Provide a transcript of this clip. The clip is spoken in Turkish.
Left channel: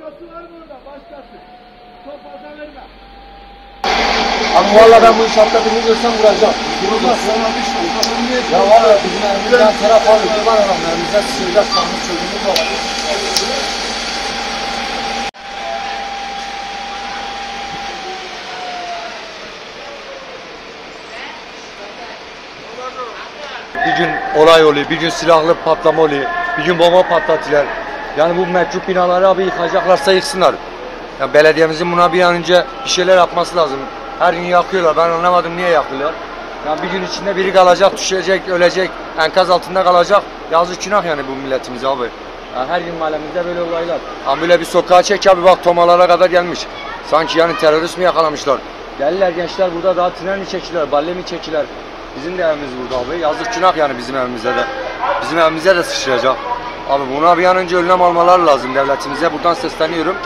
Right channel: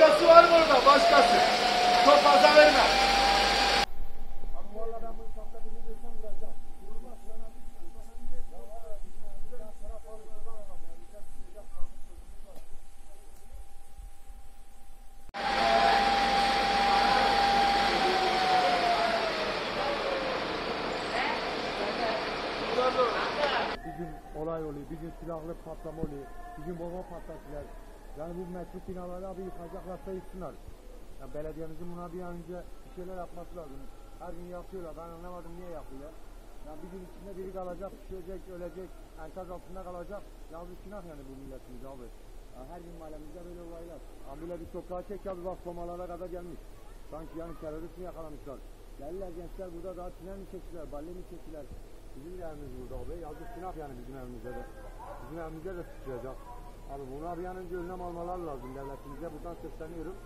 Başkası var mı orada? Başkası. Çok fazla verme. Abi valla ben bu inşaatta birini görsem vuracağım. Vurmaz sana bir şey. Ya valla bizim elimizden taraf alıyor. Bir var adam elimizden sıçrayacak sanmış çocuğumuz var. Bir gün olay oluyor, bir gün silahlı patlama oluyor, bir gün bomba patlatıyorlar. Yani bu mevcut binaları abi yıkacaklarsa yıksınlar. Yani belediyemizin buna bir an önce bir şeyler yapması lazım. Her gün yakıyorlar, ben anlamadım niye yakıyorlar. Yani bir gün içinde biri kalacak, düşecek, ölecek, enkaz altında kalacak. Yazık günah yani bu milletimiz abi. Yani her gün mahallemizde böyle olaylar. Ama böyle bir sokağa çek abi bak tomalara kadar gelmiş. Sanki yani terörist mi yakalamışlar. Gelirler gençler burada daha tren mi çekiler, balle mi çekiler. Bizim de evimiz burada abi. Yazık günah yani bizim evimize de. Bizim evimize de sıçrayacak. Abi buna bir an önce önlem almaları lazım devletimize. Buradan sesleniyorum.